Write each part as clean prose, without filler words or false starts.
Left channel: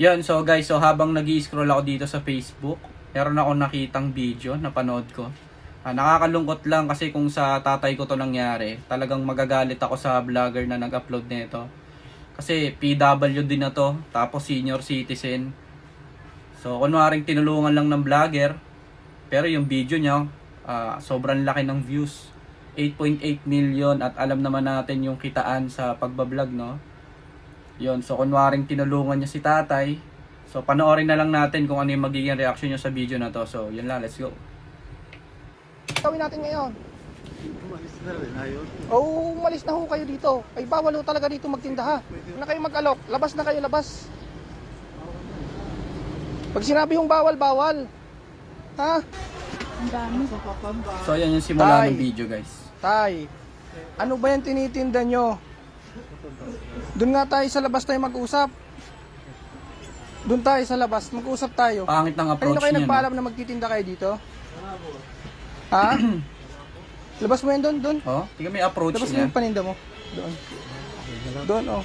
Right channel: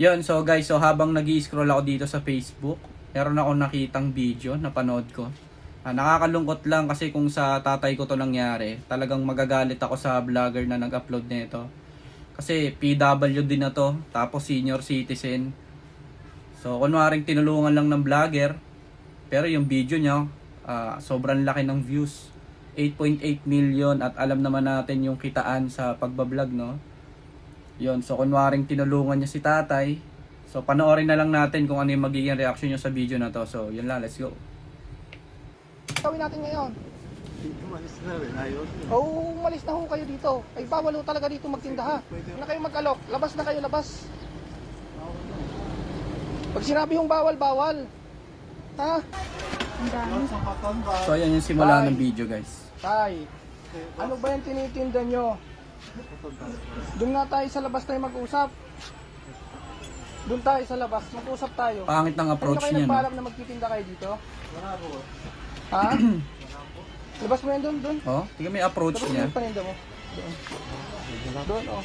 Yun, so guys, so habang nag-i-scroll ako dito sa Facebook, meron ako nakitang video, napanood ko. Nakakalungkot lang kasi kung sa tatay ko to nangyari, talagang magagalit ako sa vlogger na nag-upload nito. Kasi PWD na to, tapos senior citizen. So kunwaring tinulungan lang ng vlogger, pero yung video niya, sobrang laki ng views. 8.8 million at alam naman natin yung kitaan sa pagbablog, no? Yun, so kunwaring tinulungan niya si tatay. So panoorin na lang natin kung ano yung magiging reaction niya sa video na to. So yun lang, let's go. Gawin natin ngayon. Umalis na rin, ayos. Oo, umalis na ho kayo dito. Ay bawal ho talaga dito magtinda ha. Huwag na kayo mag-alok. Labas na kayo, labas. Pag sinabi yung bawal, bawal. Ha? So ayan yung simula Tay. ng video, guys. Tay, ano ba yung tinitinda nyo? Doon nga tayo sa labas tayo mag-usap. Doon tayo sa labas, mag-usap tayo. Pangit ng approach kayo niya, no? nagpaalam na magtitinda kayo dito? Ha? Labas mo yun doon, doon. Oh, tingnan mo yung approach Labas mo niya. yung paninda mo. Doon. Doon, oh.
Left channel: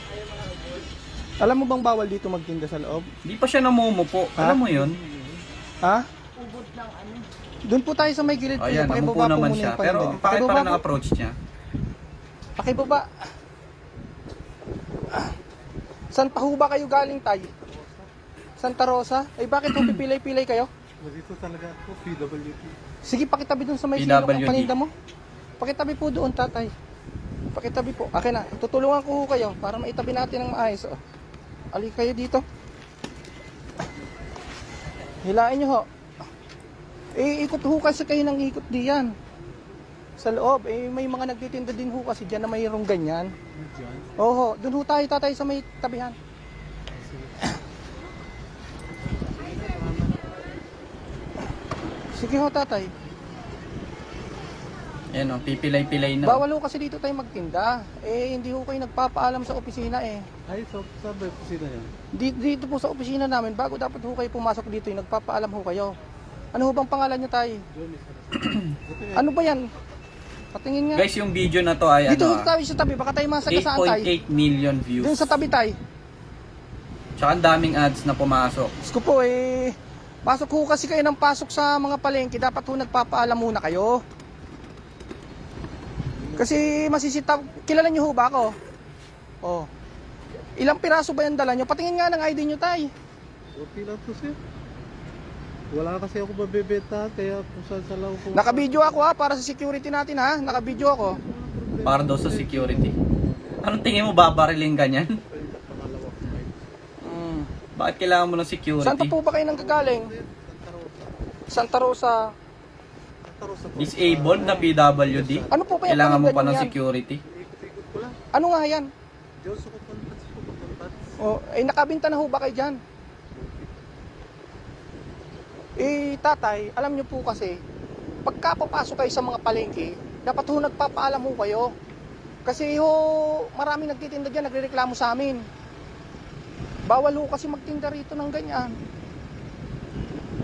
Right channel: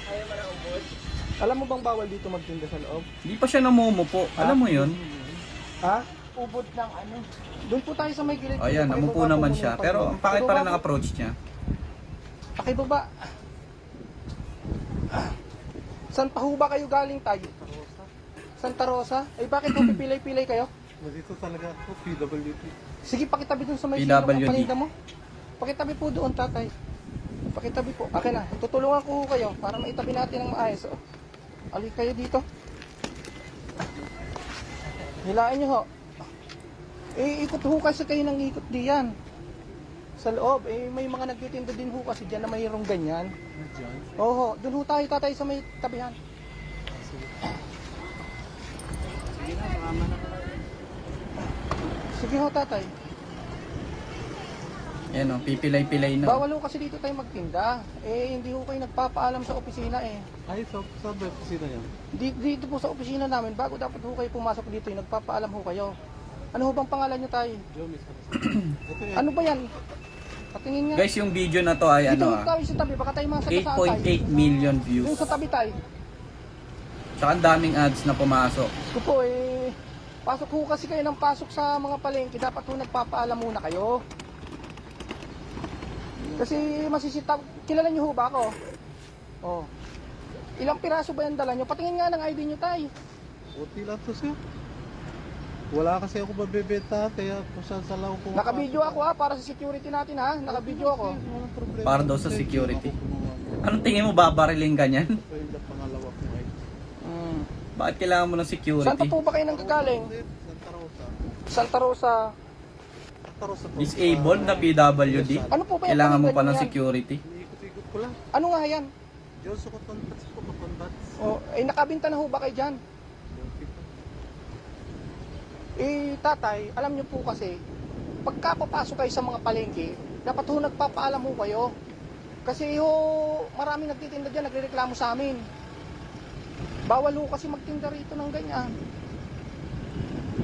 Alam mo bang bawal dito magtinda sa loob? Hindi pa siya namumupo. Alam mo yun? Ha? Ubod ng ano? Doon po tayo sa may gilid. Oh, ayan, namupo Pakibaba po naman muna siya. yung Pero paninda. ang pangit pa rin Pakibaba ng po. approach niya. Pakibaba. Saan pa ho ba kayo galing tayo? Santa Rosa? Eh bakit yung pipilay-pilay kayo? Dito talaga ako, PWD. Sige, pakitabi doon sa may PWD. silong paninda mo. Pakitabi po doon, tatay. Pakitabi po. Akin na. Tutulungan ko ho kayo para maitabi natin ng maayos. Oh. Ali kayo dito. Hilain nyo ho. Eh, ikot ho kasi kayo ng ikot diyan. Sa loob, eh, may mga nagtitinda din ho kasi dyan na mayroong ganyan. Oo, doon ho tayo, tatay, sa may tabihan. Sige ho, tatay. Ayan o, pipilay-pilay na. Bawal ho kasi dito tayo magtinda. Eh, hindi ho kayo nagpapaalam sa opisina eh. Ay, sabi ko sino yan? Dito po sa opisina namin, bago dapat ho kayo pumasok dito, nagpapaalam ho kayo. Ano ho bang pangalan niyo tayo? Gomez. Ano ba yan? Patingin nga. Guys, yung video na to ay Dito ano ho tayo sa tabi, baka tayo masagasaan tayo. 8.8 million Doon views. sa tabi tayo. Tsaka ang daming ads na pumasok. Diyos ko po eh, pasok ho kasi kayo ng pasok sa mga palengke, dapat ho nagpapaalam muna kayo. Kasi masisita, kilala niyo ho ba ako? Oh. Ilang piraso ba yung dala niyo? Patingin nga ng ID niyo tay. Kunti lang to siya. Wala kasi ako mabibenta, kaya kung saan sa lang ako. Naka-video ako ha, para sa security natin ha. Naka-video ako. Walang problema. Para daw sa security. Anong tingin mo, babariling ka niyan? Pwede pangalawa ko ay. Bakit kailangan mo ng Saan pa security? po ba kayo nanggagaling? Santa Rosa. Santa Rosa. Disabled na PWD? Ano po ba yung Kailangan mo paninda pa ng niyo yan? security? Ikot-ikot ko lang. Ano nga yan? Diyos ako kontats ko, kontats. Oh, eh nakabinta na ho ba kayo dyan? Eh tatay, alam niyo po kasi, pagka papasok kayo sa mga palengke, dapat ho nagpapaalam ho kayo. Kasi ho, maraming nagtitinda dyan, nagrereklamo sa amin. Bawal ho kasi magtinda rito ng ganyan.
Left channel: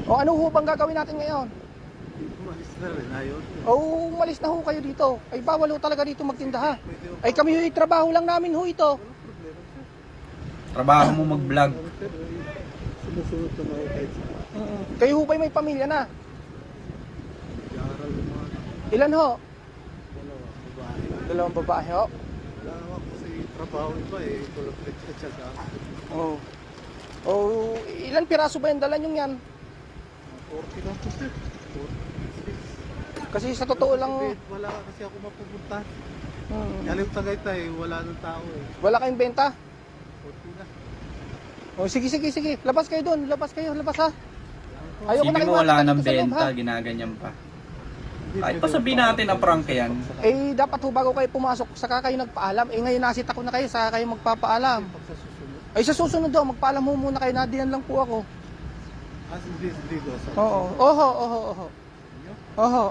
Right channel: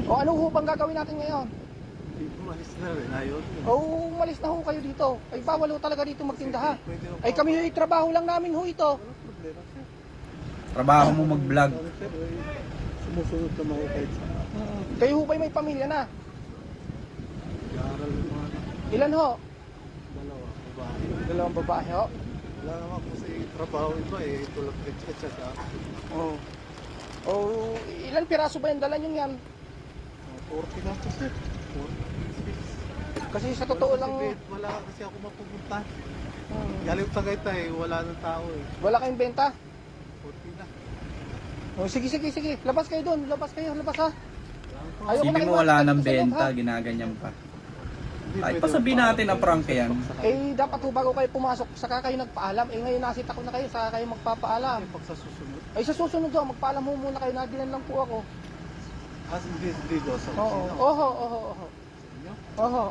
O ano ho bang gagawin natin ngayon? Umalis na rin, ayos. O umalis na ho kayo dito. Ay bawal ho talaga dito magtinda ha. Ay kami ho, trabaho lang namin ho ito. Walang problema siya. Trabaho mo mag-vlog. Pero sumusunod na mga kahit sa Kayo ho ba'y may pamilya na? aral ng mga Ilan ho? dalawa, babae. Dalawang babae ho. Wala naman kasi trabaho iba eh, tulad lecture siya sa Oh. Oh, ilan piraso ba yung dala nyo yan? 40 lang po sir. 40. Kasi sa totoo lang, Wala kasi ako mapupunta. hmm, Galing Tagaytay, wala nang tao eh. wala kayong benta? 40 na. Oh, sige, sige, sige. Labas kayo doon. Labas kayo, labas ha. Ayoko Isipin na mo kayo wala makita ng dito sa loob, benta, ha? ginaganyan pa. Kahit pa sabihin natin na prank yan. Eh, dapat ho bago kayo pumasok, saka kayo nagpaalam. Eh, ngayon nasita ko na kayo, saka kayo magpapaalam. Pag sa susunod. Ay, sa susunod daw, magpaalam ho muna kayo. Nadiyan lang po ako. As in this video sa Oo, oho, oho, oho. Oho.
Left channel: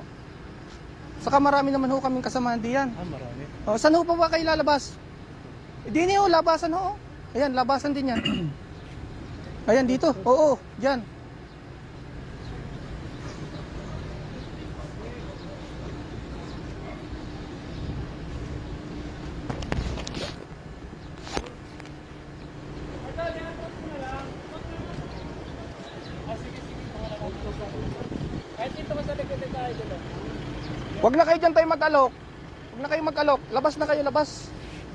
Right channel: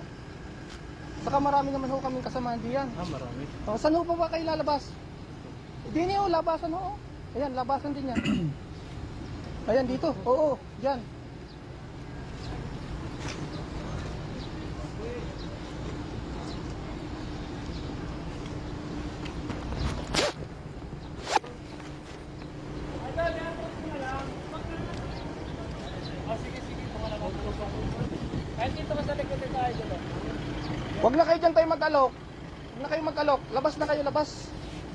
Saka marami naman ho kaming kasamahan diyan. marami. Oh, saan ho pa ba kayo lalabas? Di ho, labasan ho. Ayan, labasan din yan. Ayan, dito. Oo, dyan. Huwag na kayo dyan tayo mag-alok. Huwag na kayo mag-alok. Labas na kayo, labas.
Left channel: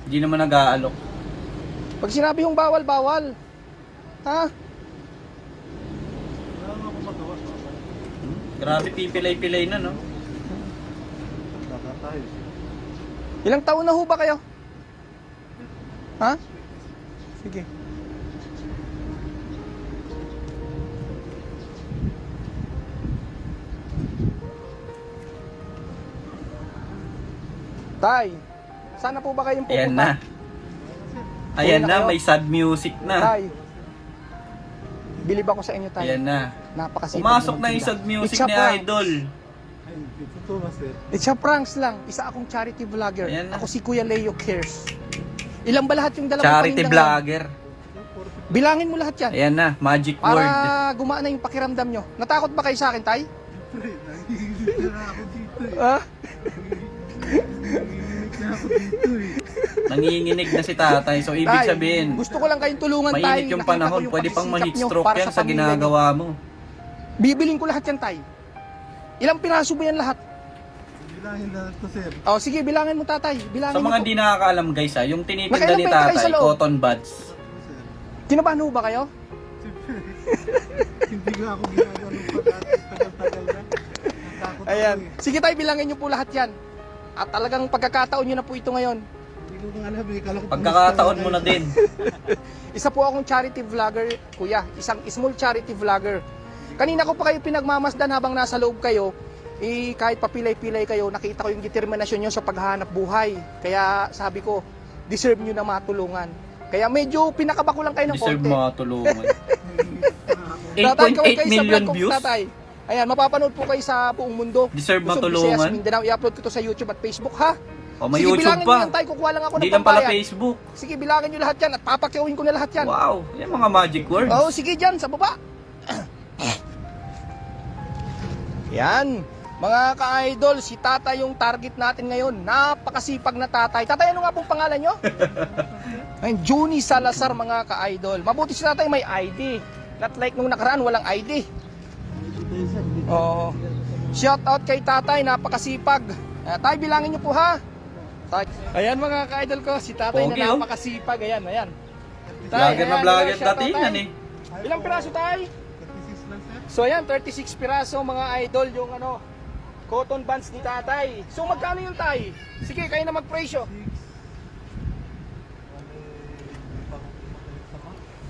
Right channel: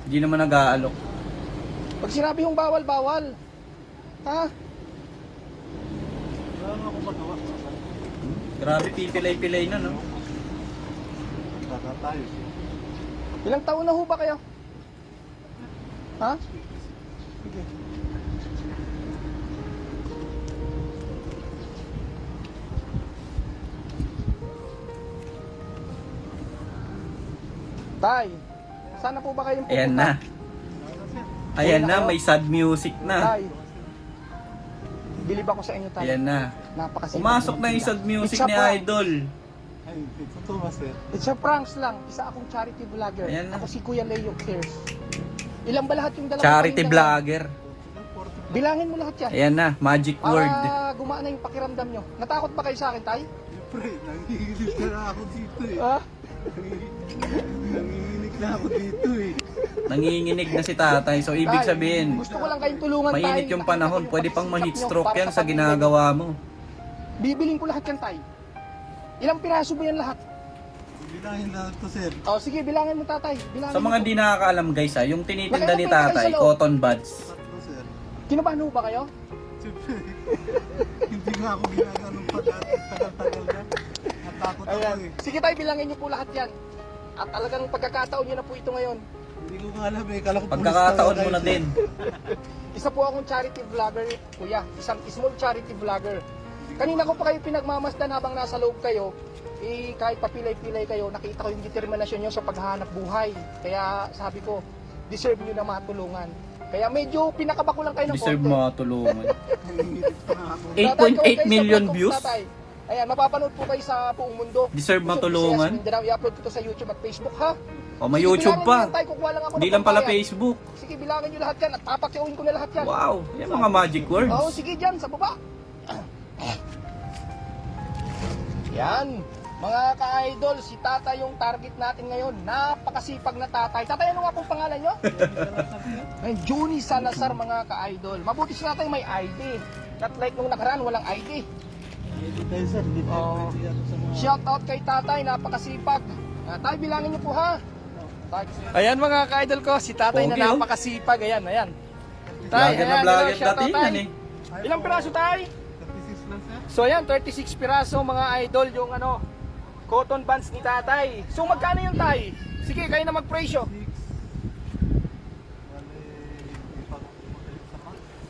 Hindi naman nag-aalok. Pag sinabi yung bawal, bawal. Ha? Wala na ako magawa. Grabe, pipilay-pilay na, no? Baka tayo. Ilang taon na ho ba kayo? Ha? Sige. Tay, sana po ba kayong Ayan na. Ayan na, may sad music na. Tay, bilib ako sa inyo, tay. Ayan na. Napakasipag. Pumasok na yung sad music It's a ni prank. Idol. Ay, totoo ba, sir? It's a pranks lang. Isa akong charity vlogger. Ayan na. Ako si Kuya Leo Cares. Ilan ba lahat yung dalawang Charity paninda vlogger. ngayon? Bilangin mo lahat yan. Ayan na, magic Para word. gumaan na yung pakiramdam nyo. Natakot ba kayo sa akin, tay? Pre, nangihilig na ako dito eh. Ha? Nangihilig na ako dito eh. Nanginginig na si tatay. So, ibig Tay, sabihin, gusto ko lang kayong tulungan, tay. mainit yung Nakita panahon. ko yung Pwede pang pagsisikap ma-heat nyo stroke para yan sa pamilya ginagawa mo. nyo. Bibiling ko lahat yan, tay. Ilang piraso ba yan lahat? Bilangin na ito, sir. Oh, sige, bilangin mo, tatay. Bilangin Sa mga mo. di nakakaalam guys ha, yung tinitinda Nakailan ni pa yung tatay, isa, cotton buds. Ito, sir. Kinabahan ho ba kayo? Siyempre, hindi nga ako ginagano pa dati. Tagal-tagal na. Natakot Ayan. ako eh. Sige, tay, bilangin nyo po lahat yan. At talagang pagkakataon nyo na po ito ngayon. Hindi ko nga alam eh. Kala ko Pagkakataon pulis mo na tayo. din. Isa po akong charity vlogger, kuya. Isang small charity vlogger. Kanina ko pa kayo pinagmamasdan habang nasa loob kayo. Kahit papilay-pilay kayo, nakita ko yung determinasyon nyo sa paghahanap buhay. Kaya sabi ko, deserve nyo na matulungan. Kaya medyo pinakaba ko lang kayo ng Deserve konti. mga tulungan. Tatay, kawag kayo 8.8 sa million vlog ko, views. tatay. Ayan, mapapanood po kayo sa buong mundo. Deserve Luzon, matulungan. Visayas, Mindanao. I-upload ko to sa YouTube at Facebook, ha? O may Sige, YouTube bilangin pa. mo yan, tay. Kukuha lang ako Hindi ng lang pala pambayad. Facebook. Sige, bilangin nyo lahat yan at papakyawin ko na lahat yan. Wow, yan mga magic words. Oo, sige dyan, sa baba. Yan. Mga ka-idol, si tatay yung target natin ngayon. Napakasipag na tatay. Tatay, ano nga pong pangalan nyo? Ay, Juni Salazar, mga ka-idol. Mabuti si tatay may ID. Not like nung nakaraan, walang ID. Hindi kayo, sir. Hindi kayo. Oo. Shout out kay tatay, napakasipag. Tay, bilangin niyo po ha. Tay. Ayan mga ka-idol ko, si tatay Pogi, na oh. napakasipag. Ayan, ayan. Vlogger na ayan, vlogger shout out, dati tay. yan eh. Ilang piraso tay? 36 lang, sir. So ayan, 36 piraso mga idol yung ano, cotton buds ni tatay. So magkano yung tay? Sige, kayo na mag-presyo.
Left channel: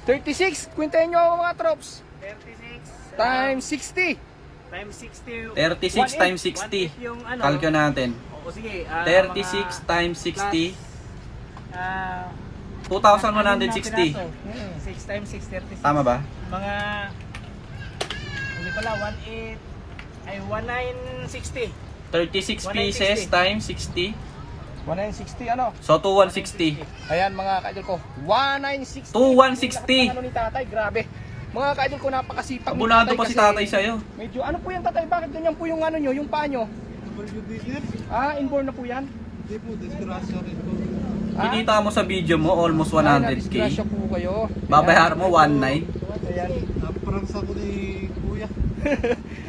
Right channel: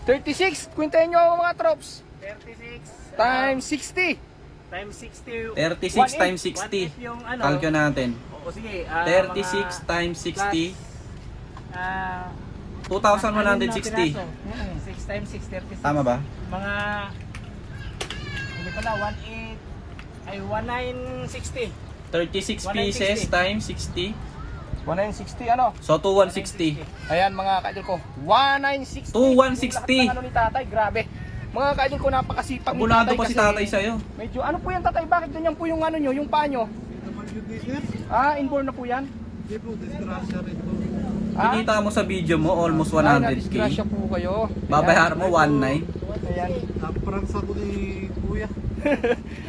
36, kwintahin nyo ako mga trops. 36 Times 60. times 60. 36 times 60. Yung ano. Calculate natin. Oo, sige. 36 times 60. Ah, 2,160. 6 times 6, 36. Tama ba? Mga hindi pala 18 ay 1960. 36 pieces 160. times 60. 1960 ano? So 2,160. Ayan mga kaidol ko, 1960. 2160. Yung lahat ng ano ni tatay, grabe. Mga kaidol ko, napakasipag ni Abunado tatay pa si kasi tatay sa'yo. medyo, ano po yan tatay? Bakit ganyan po yung ano nyo, yung paa nyo? WD, sir. Inborn na po yan? Hindi po, disgrasya rin po. Kinita mo sa video mo, almost 100k. Disgrasya po kayo. Babayaran mo 1.9. Ayan. Napranks ako ni kuya.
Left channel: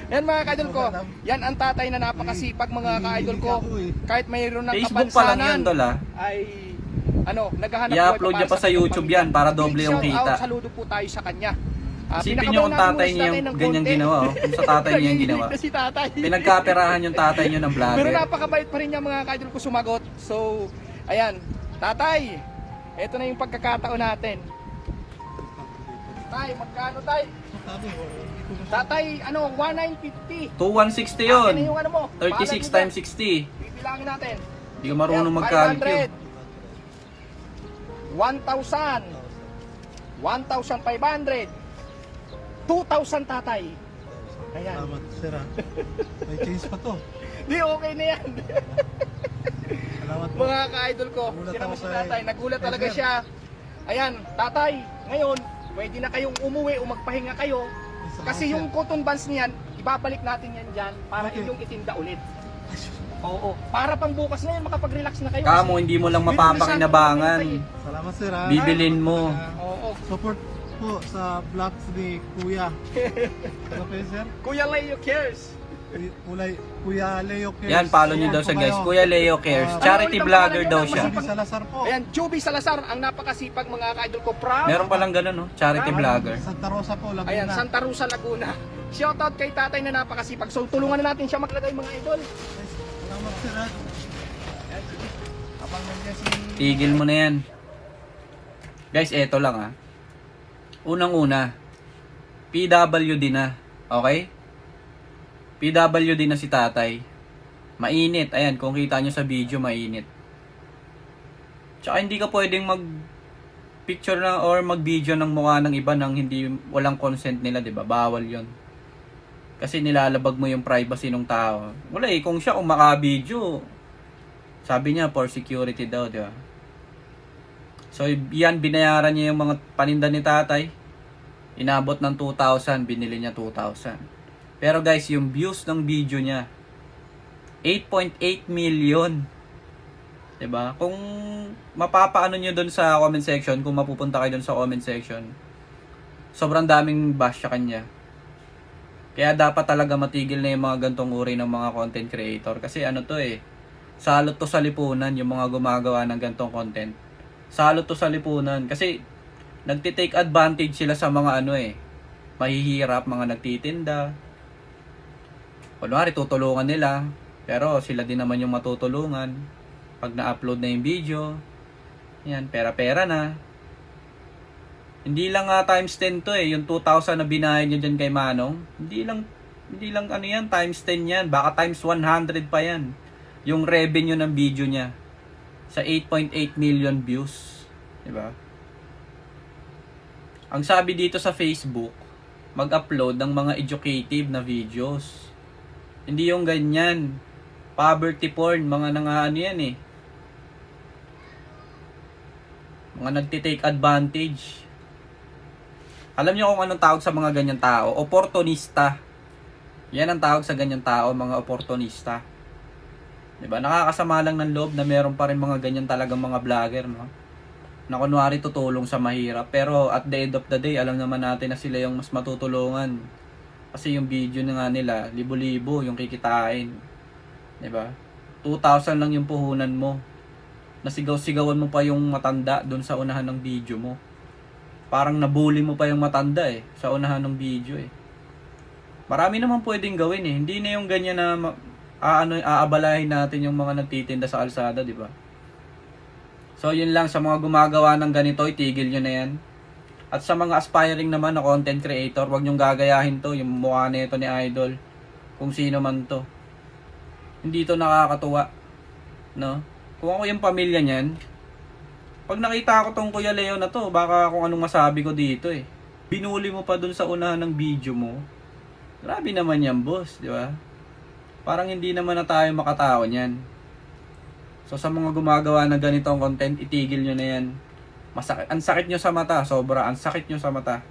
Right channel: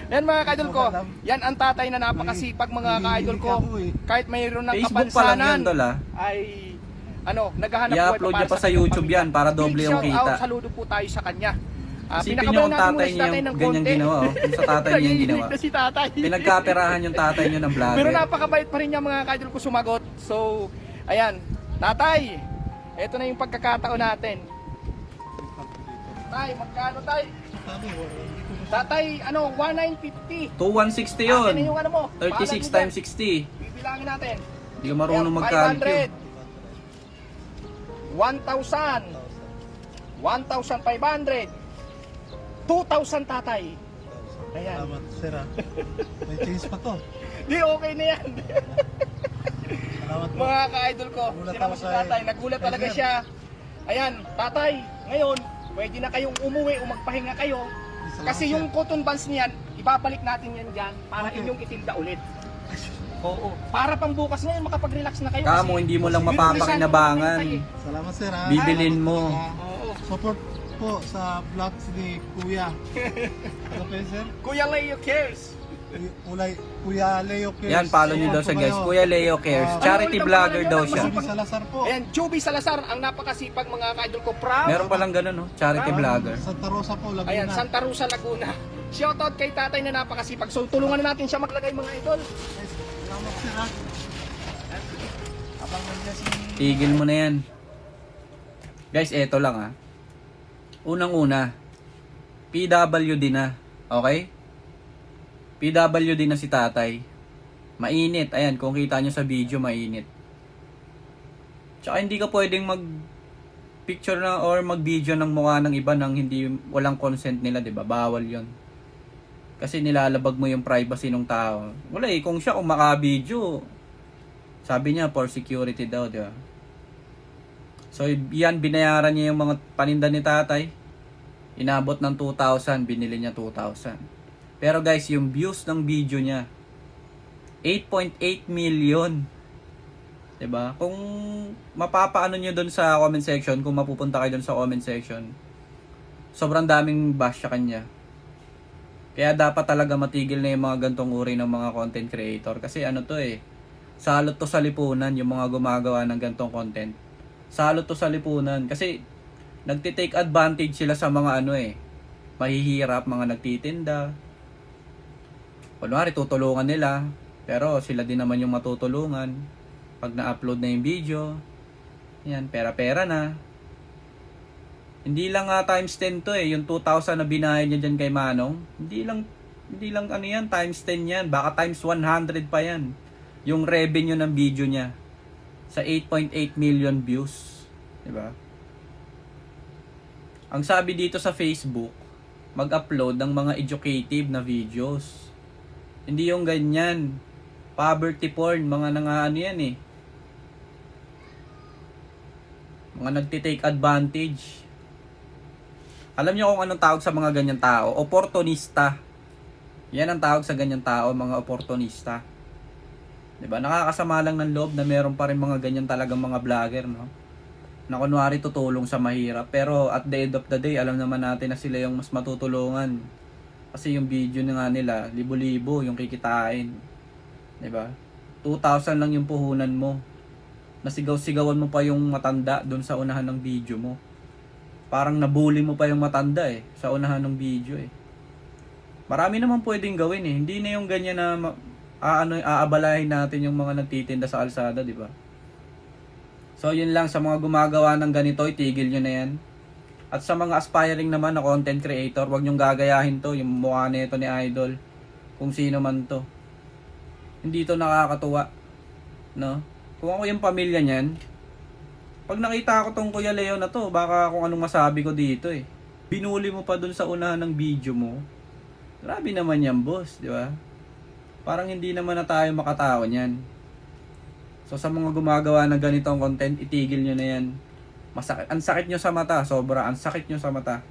Yan mga ka-idol ko, yan ang tatay na napakasipag mga ka-idol ko. Kahit mayroon ng Facebook pa lang yan, kapansanan, Dol, ay ano, naghahanap I-upload buhay niya pa sa YouTube yan para doble yung Big shout kita. out, saludo po tayo sa kanya. Isipin niyo kung tatay niya yung ganyan ginawa. Oh. Kung sa tatay niya yung ginawa. Si tatay. Pinagkaperahan yung tatay niyo ng vlogger. Pero napakabait pa rin niya mga ka-idol ko sumagot. So, ayan, tatay, eto na yung pagkakataon natin. Tay, magkano tay? Tatay, ano, 1950. 2,160 yun. Akin na yung ano mo. 36 times 60. Bibilangin natin. Hindi ka marunong mag-calculate. 1,000. 1,500. 2,000 tatay. Ayan. Salamat, sir. May change pa to. Di okay na yan. Salamat po. Mga ka-idol ko, Nagulat sino ako si sa- tatay? Nagulat talaga siya. Ayan, tatay, ngayon, pwede na kayong umuwi o magpahinga kayo. Kasi yung cotton buds niyan, ibabalik natin yan dyan para Okay. inyong itinda ulit. Oo, para pang bukas na yun, makapag-relax na kayo. Kamo, hindi mo lang mapapakinabangan. Salamat, sir. Bibilin mo. Oo. Support po sa vlogs ni kuya. Ano kayo, sir? Kuya Leo Cares. Kuya Leo Cares. Yan, follow nyo daw siya guys. Kuya Leo Cares. Charity vlogger daw siya. Joby Salazar po. Ayan, Joby Salazar, ang napakasipag mga ka-idol ko. From Meron palang ganun, no? Charity vlogger. Santa Rosa po, Laguna. Ayan, Santa Rosa, Laguna. Shoutout kay tatay na napakasipag. So tulungan na natin siya maglagay mga idol. Salamat sir. Abang nandiyan si... Tigil mo na yan. Guys, eto lang ah. Unang-una, PWD na. Okay? PWD na si tatay. Mainit. Ayan, kung kita nyo sa video, mainit. Tsaka hindi ka pwedeng mag-picture na or mag-video ng mukha ng iba nang hindi, walang consent nila, 'di ba? Bawal 'yon. Kasi nilalabag mo yung privacy ng tao. Wala eh, kung siya maka-video, sabi niya for security daw, 'di ba? So, yan, binayaran niya yung mga paninda ni tatay. Inabot ng 2,000, binili niya 2,000. Pero guys, yung views ng video niya, 8.8 million. 'Di ba? Kung mapapaano niyo doon sa comment section, kung mapupunta kayo doon sa comment section, sobrang daming bash sa kanya. Kaya dapat talaga matigil na yung mga gantong uri ng mga content creator. Kasi ano to eh, salot to sa lipunan yung mga gumagawa ng gantong content. Salot to sa lipunan. Kasi nagtitake advantage sila sa mga ano eh, mahihirap, mga nagtitinda. Kunwari tutulungan nila, pero sila din naman yung matutulungan. Pag na-upload na yung video, yan, pera-pera na. Hindi lang times 10 to eh, yung 2,000 na binayad niya dyan kay Manong. Hindi lang ano yan, times 10 yan. Baka times 100 pa yan. Yung revenue ng video niya sa 8.8 million views. Diba? Ang sabi dito sa Facebook, mag-upload ng mga educative na videos. Hindi yung ganyan. Poverty porn, mga nangaano yan eh. Mga nagtitake advantage. Alam niyo kung anong tawag sa mga ganyan tao? Opportunista. Yan ang tawag sa ganyan tao, mga opportunista. 'Di ba? Nakakasama lang ng loob na meron pa rin mga ganyan talagang mga vlogger, no? Na kunwari tutulong sa mahirap, pero at the end of the day, alam naman natin na sila yung mas matutulungan. Kasi yung video na nga nila, libo-libo yung kikitain. 'Di ba? 2,000 lang yung puhunan mo. Nasigaw-sigawan mo pa yung matanda doon sa unahan ng video mo. Parang nabully mo pa yung matanda eh sa unahan ng video eh. Marami naman pwedeng gawin eh. Hindi na yung ganyan na aabalahin natin yung mga nagtitinda sa kalsada, di ba? So yun lang, sa mga gumagawa ng ganito, itigil nyo na yan. At sa mga aspiring naman na content creator, wag nyong gagayahin to, yung mukha nito ni Idol, kung sino man to. Hindi to nakakatuwa, no? Kung ako yung pamilya niyan, pag nakita ko tong Kuya Leo na to, baka kung anong masabi ko dito eh. Binuli mo pa dun sa unahan ng video mo. Grabe naman yan, boss, di ba? Parang hindi naman na tayo makatawa niyan. So sa mga gumagawa ng ganitong content, itigil nyo na yan. Masakit, ang sakit nyo sa mata, sobra, ang sakit nyo sa mata.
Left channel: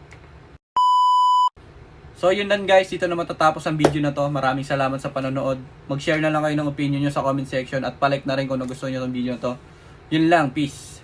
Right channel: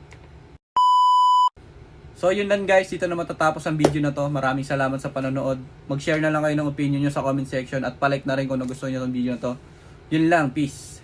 So yun lang guys, dito na matatapos ang video na to. Maraming salamat sa panonood. Mag-share na lang kayo ng opinion nyo sa comment section at palike na rin kung nagustuhan nyo itong video na to. Yun lang, peace.